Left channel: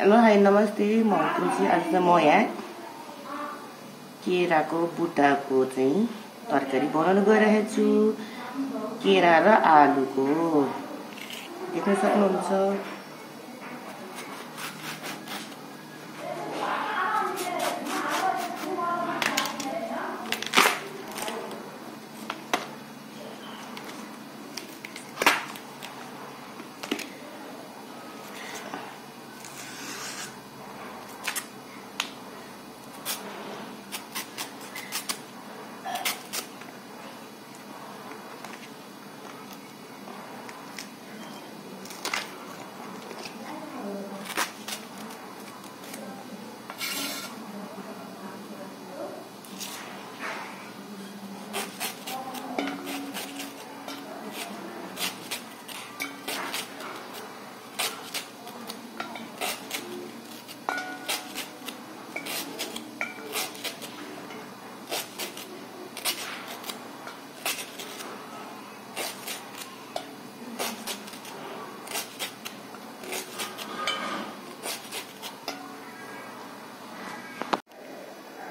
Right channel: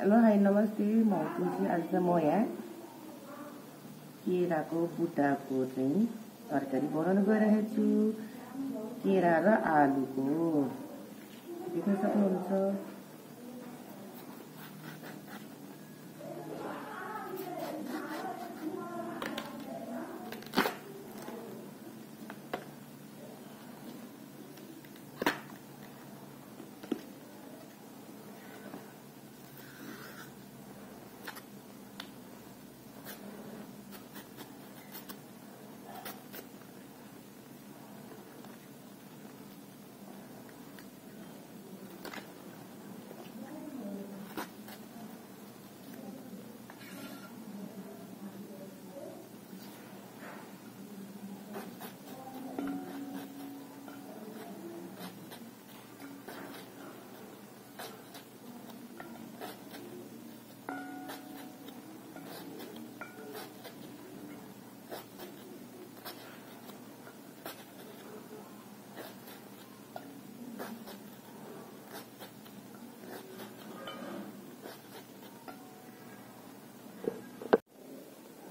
Hello hi नमस्ते म तुलसी। आज चाहिँ म यहाँ केराको बुट्टाको चाहिँ तरकारी बनाउन गइरहेको छु। केरा र आलुको देख्न सक्नुहुन्छ।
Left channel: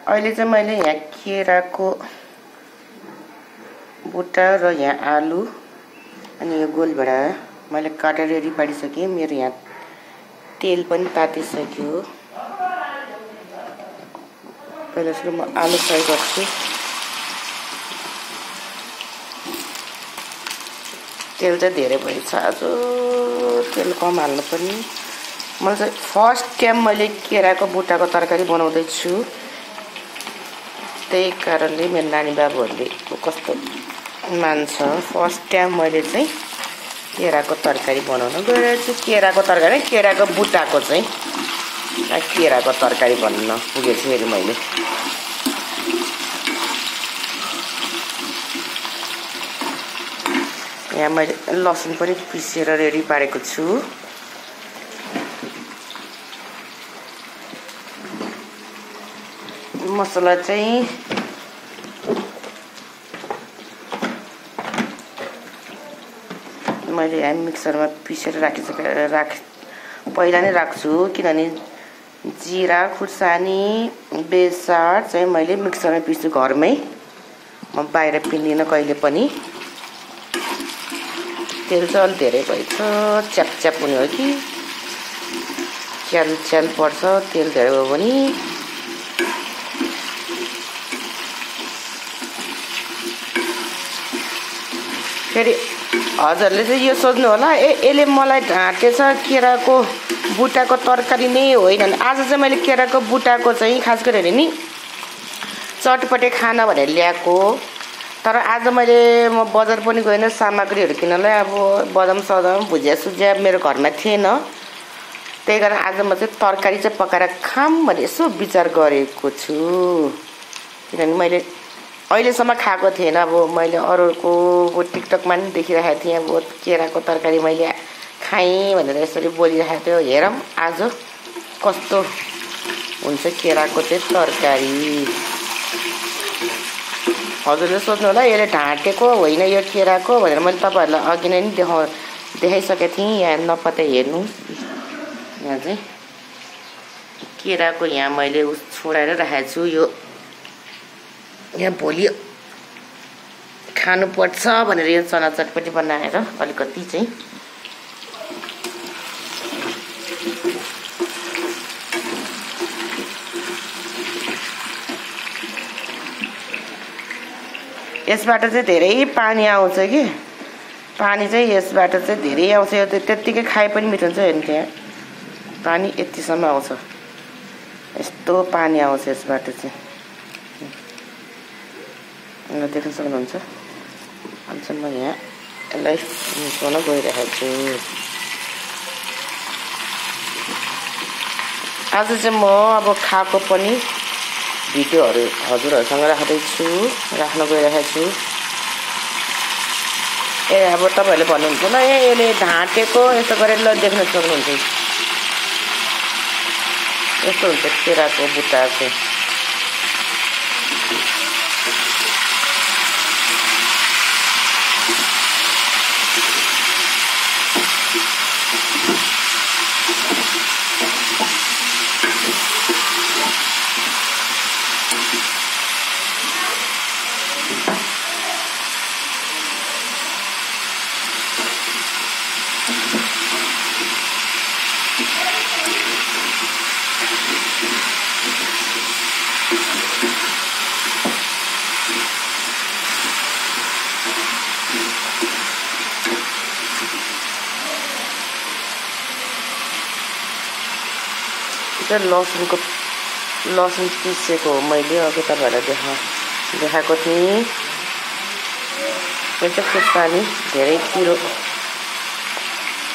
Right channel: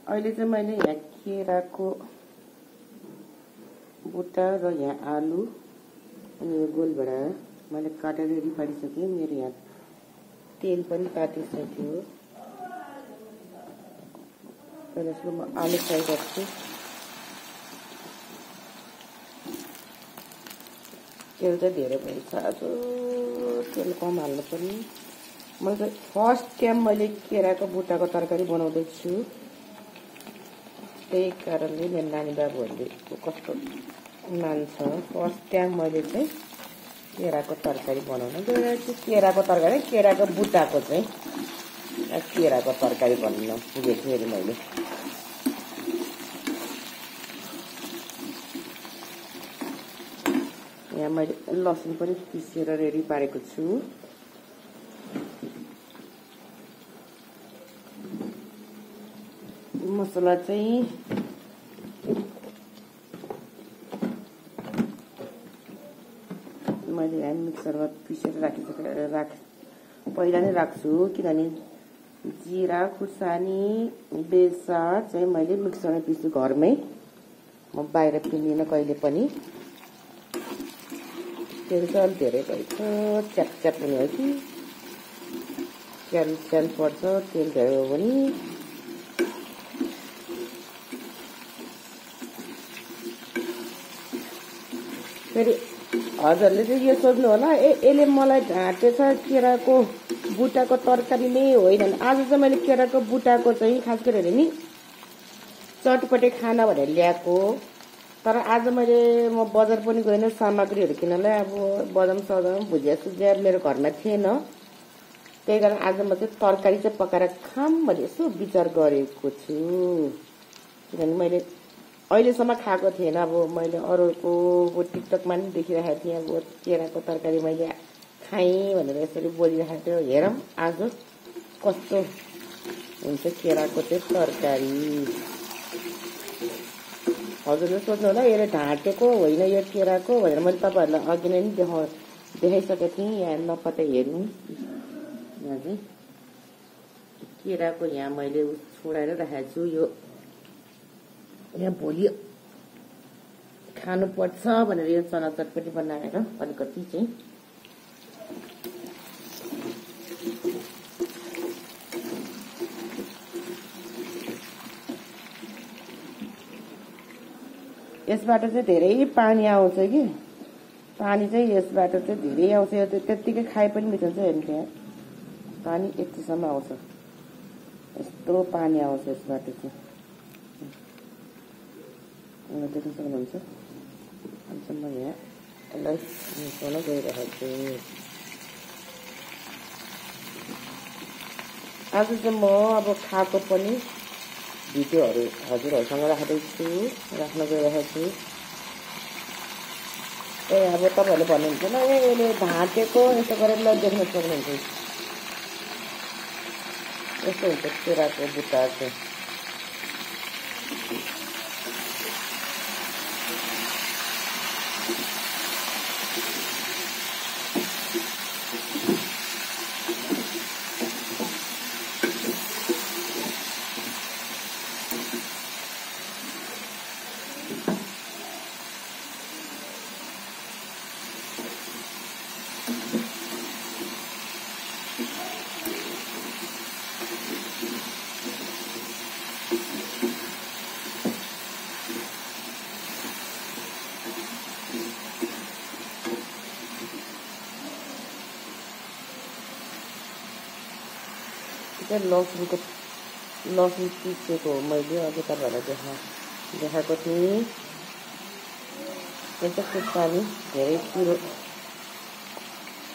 अहिले चाहिँ मैले यहाँ केराको बुट्टा र यहाँ आलु अनि यो गोलभेडा मैले काटेर रेडी पारिसकेँ। मेरो यहाँ तेल पनि तातिसक्यो। पहिला सुरु म आलु फ्राई गर्छु। तेल चाहिँ धेरै भएछ, आज तेल कम हाल्नु पर्ने। मैले चाहिँ फर्स्ट टाइम मैले केराको बुट्टाको तरकारी बनाउँदैछु। त्यही कारणले मेरो नानी बाबुहरूले कस्तो मान्छ। फर्स्ट टाइम मैले चाहिँ केराको तरकारी बनाउन गइरहेको छु। केराको तरकारी, केराको बुट्टाको चाहिँ केराको तरकारी भन्न पुगेछु फेरि मैले। यहाँ मैले लसुन पनि पिसेर रेडी पारेको छु। मसला चाहिँ मैले यहाँ मिक्सरमा पिसेर पहिला नै राख्छु, किनभने जिरा खुर्सानी बेसार चाहिँ मैले मिक्सरमा पिस्छु घरमै। म बाहिर पिन्दिनँ कहिले पनि। तेल चाहिँ अलिक धेरै भएछ, च्याप हुने हो कि च्याल पर्छ तेल धेरै भयो भने। फेरि हजुरले चाहिँ यो सोध्नु होला, यसले मलाई ढाँटेछ केराको बुट्टाको तरकारी नै होइन। आज चाहिँ मैले केराको बुट्टाको चाहिँ खास गरेर नि चटपटे खाना भनेर ल्याएको। तर आज म बजार पनि गएन सामग्रीहरू किन्नलाई। अब बदाम सदाम भुजिया मेरो घरमा थिएन। त्यही कारण आज म चाहिँ तरकारी चाहिँ पकाएर खाम भनेर यसो विचार गरेको छु। किनभने मैले अहिलेसम्म खाएको थिएन। अब मैले अरूको टिकटकमा पनि देखिरहेको थिएँ। अब केराको तरकारी मैले खाएँ भनेर यसरी बोलिरहेको थियो। हेरौँ आज कस्तो हुन्छ केराको चाहिँ तरकारी। हजुरले सोध्नु होला यसले ढाँटेको होइन यो केराको भनेर। मैले तपाईँहरूलाई अघि नै देखाइसकेको थिएँ। यहाँ नपत्ता हेर्नुहोस्, यहाँ चाहिँ केराको यहाँ मैले छोडाएर राखेको छु। यो यहाँ भोलि खानुपर्छ भनेर यो चना चटपटी बनाएर अलिकति चाहिँ यसबाट चाहिँ धेरै पानी आउँछ कि पानी चाहिँ यसबाट चाहिँ धेरै आउँछ। यो त्यत्तिकै खाए पनि मिठो हुन्छ। हेर्नु त्यहाँ पानी यतिसम्म आउँछ, यस्तो पानी आउँछ यसबाट चाहिँ देख्न सक्नुहुन्छ। अनि म यहाँ यसलाई मिसाउन गइरहेको छु। आज चाहिँ म अब खाएको पनि भिडियोहरू हजुरहरूसँग राख्न गइरहेको छु। अब तपाईँहरूले भन्नुहुन्छ ल यसले ढाँटेको यस्तो गरेर ल देख्न सक्नुहुन्छ। यस्तो हुन्छ केराको बुट्टा चाहिँ। लसुन पिसेको हो मैले अघि तपाईँहरूलाई देखाएको थिएँ। यो चाहिँ खुर्सानी धेरै पिरो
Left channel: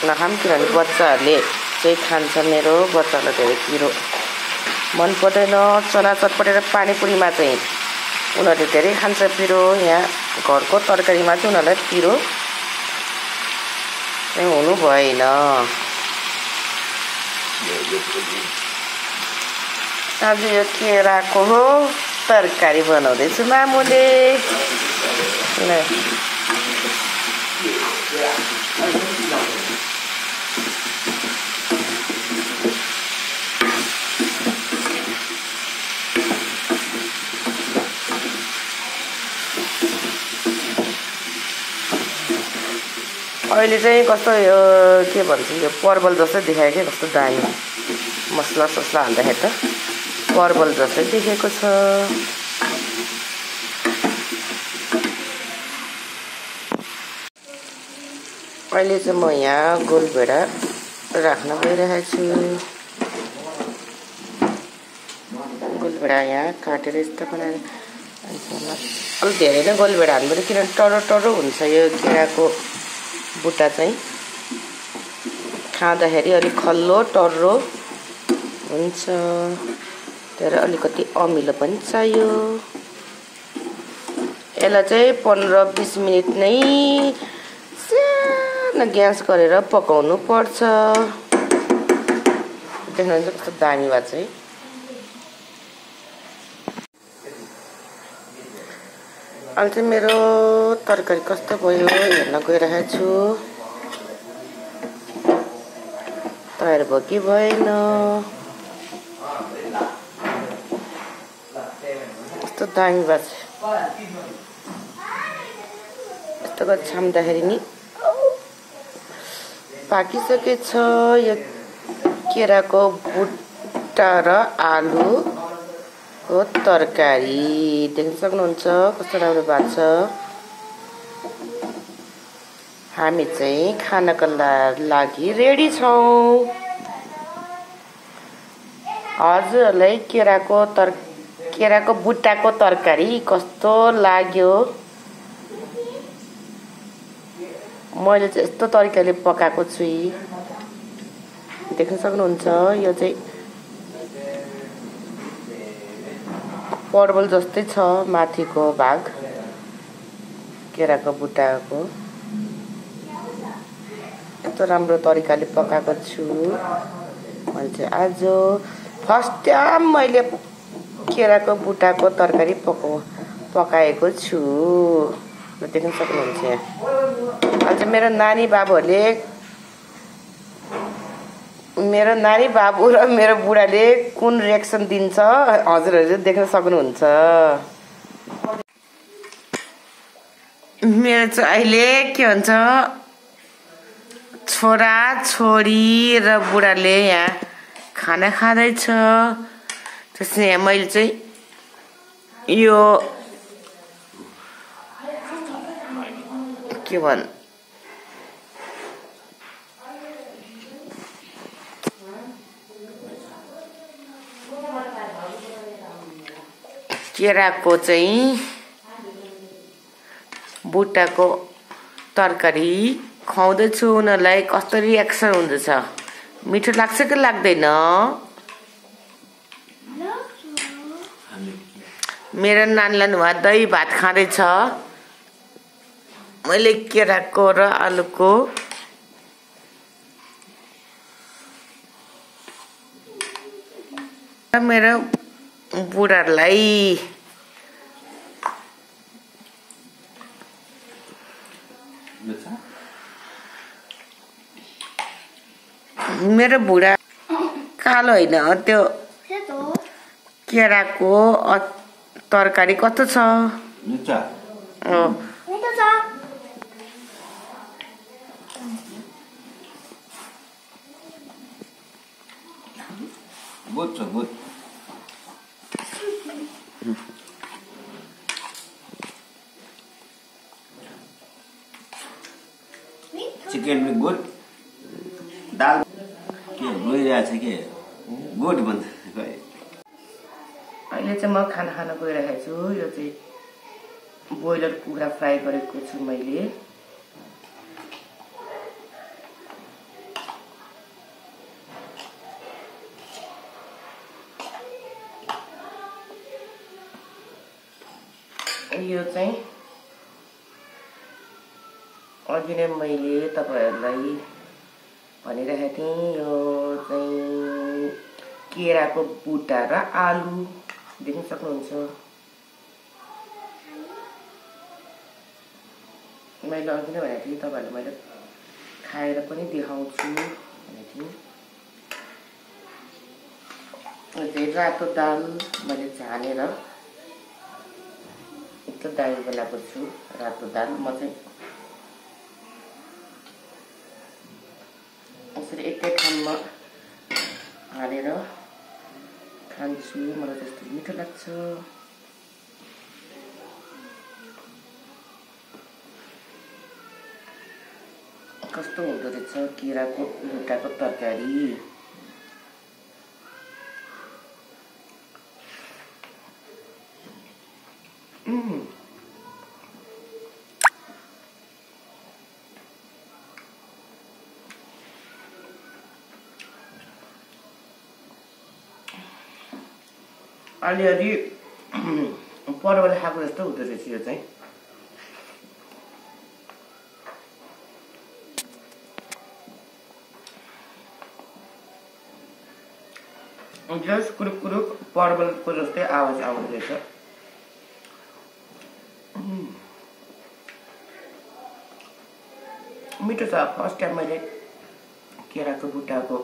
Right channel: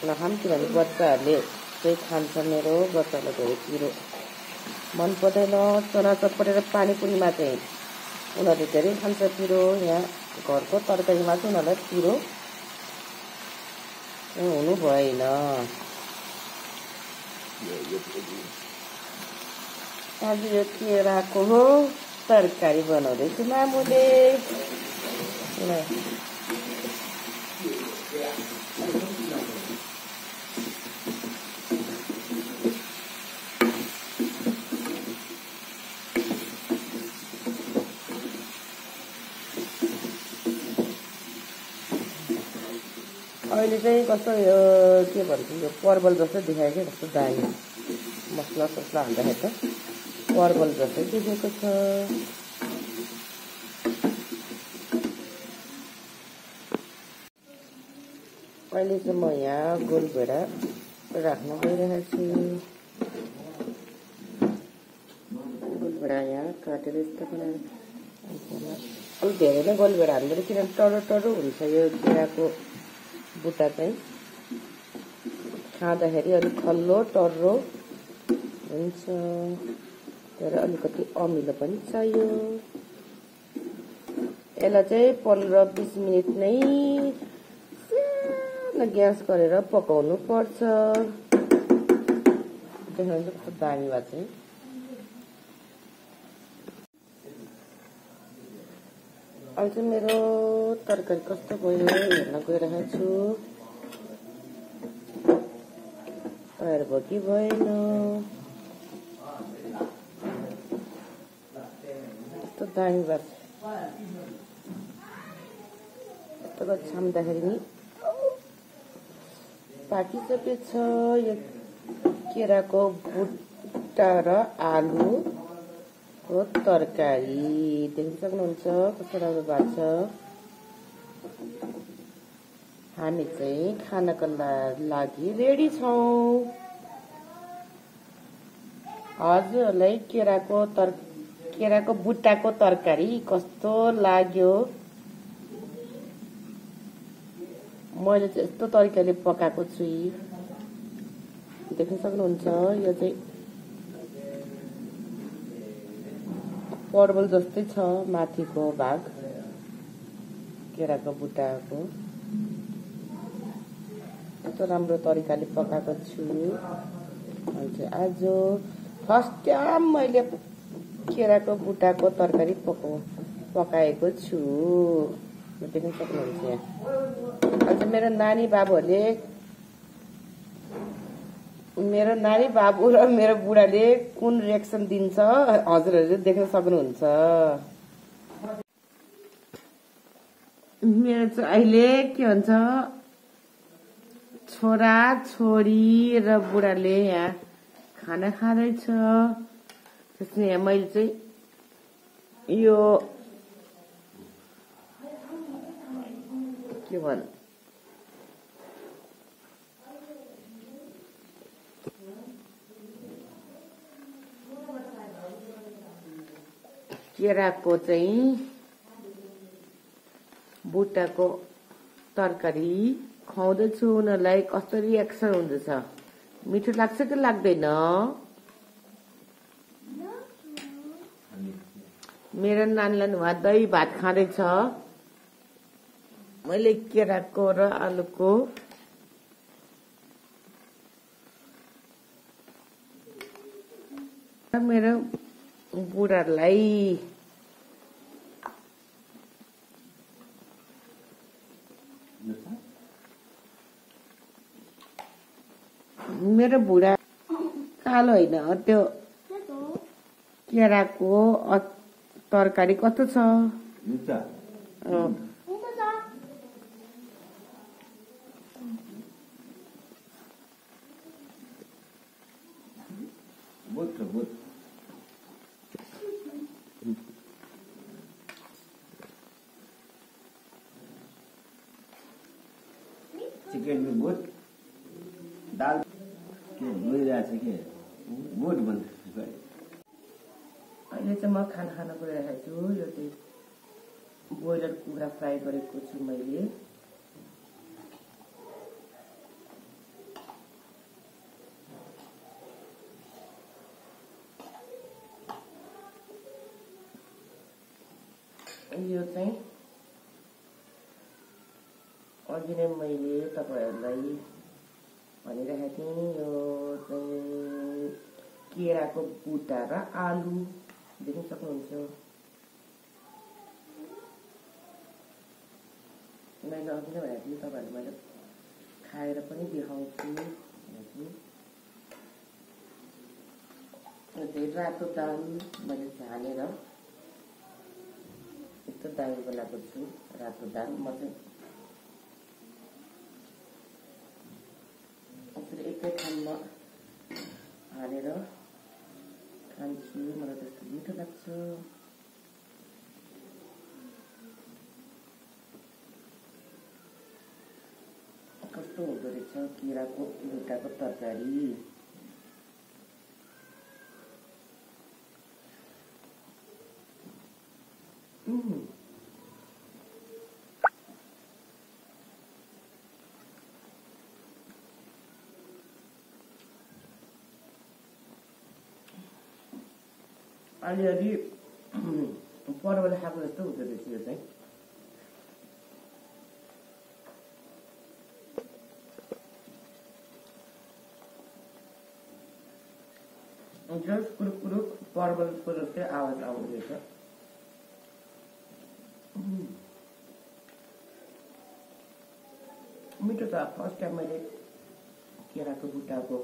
नखाम किनभने बच्चाहरूले चाहिँ खान्छ। मेरो बच्चाहरूलाई धेरै पिरो मन पर्दैन। चना चटपटेर पानीपुरीमा चाहिँ उनीहरूले धेरै खान्छ पिरो। यहाँ घरको तरकारीमा चाहिँ उनीहरूलाई पिरो चाहिँ हुनु भएन। आज यो केराको तरकारी बनाउँदैछु मामुले। अहिले चाहिँ कस्तो यो के भन्छ यो परवल जस्तै देखायो क्या। कस्तो दामी मसला ससला हाल्दाखेरि त परवल जस्तै देखेको छ। अहिले चाहिँ म यहाँ गोलभेडा राख्न गइरहेको छु। गोलभेडा यहाँ काटेर यस्तो बनाएर अलिक धेरै नै गोलभेडा हाल्नुपर्यो किनभने टर्रो टर्रो हुन्छ यो केराको बुट्टा चाहिँ। खाँदाखेरि अलिक खल्लो टर्रो हुन्छ। तर अलिकति अमिलो पनि चाहियो। यसलाई चाहिँ 15-20 मिनट नै सानो ग्यास गरेर पकाउनु पर्छ। देख्नुहुन्छ कस्तो दामी भए चाहिँ। अहिले चाहिँ मेरो तरकारी कस्तो भयो हेर्न गइरहेको छु। तयार भयो कि भएन कस्तो दामी भएको छ। यस्तो गरेर छाम्दाखेरि नि पाकिसकेछ। यो केराको बुट्टा र आलुको तरकारी देख्न सक्नुहुन्छ कस्तो राम्रो भएको छ। हामी चाहिँ खानको लागि रेडी छौँ। हजुरहरूलाई केराको बुट्टाको तरकारी कस्तो लाग्यो? मैले चाहिँ यस्तो तरिकाले पकाएको छु। देख्न सक्नुहुन्छ यो चाहिँ परवल जस्तै छ माथिको भाग केराको बुट्टाको। यस्तो राम्रो तरिकाले पकाएको छु। मैले चाहिँ आज फर्स्ट टाइम मैले केराको बुट्टाको तरकारी पकाएको छु। देख्न सक्नुहुन्छ यहाँ। अझ मेरो नानी बाबु र मेरो बुढाले कुन रिएक्सन दिन्छ हजुरहरूले देख्न सक्नुहुन्छ। मेरो चाहिँ अहिले के भन्छ छोरा छोरी र बुढाले यहाँ खाना खाँदैछ। त्यसै मैले चाहिँ यो के भन् केराको चाहिँ बुट्टाको तरकारी खुवाउँदैछु। उनीहरूलाई कस्तो रिएक्सन हुँदैछ? मिठो लाग्छ कि लाग्दैन? मेरो नानीलाई उहाँ दही भात खाँदैछ। मैले केराको र आलुको मेरो बुढालाई मेरो बुढा कालो होइन त्यो केराको तरकारी कस्तो छ Good. Chicken में good. दाल के भइरहेछ के गुड भन्छ खै अहिले चाहिँ म खाना खान गइरहेको छु यो चाहिँ बोइलर कुखुरा फ्राई गरेको छु मैले यो चाहिँ अघि नै मैले तपाईहरुलाई भनिरहेको थिएँ यो चाहिँ केराको बुटा र आलु देख्न सक्नुहुन्छ मैले अघि नै भनेको थिएँ तपाईहरुलाई मैले खाएर पनि देखाउँछु भनेको थिएँ रातो दाल मैले झानेर दाल बनाएको छु रातो दाल म चाहिँ यसरी एकै ठाउँमा हालेर खान्छु मलाई त्यस्तो मिठो लाग्छ कस्तो हुँदो रहेछ केराको बुटाको तरकारी अलिअलि परवल खाएको जस्तो हुँदो रहेछ यो चाहिँ जस कुरुक कुरुक परवलको जस्तै आवाज आउँदो रहेछ मिठो छ फर्स्ट टाइम मैले केराको बुटाको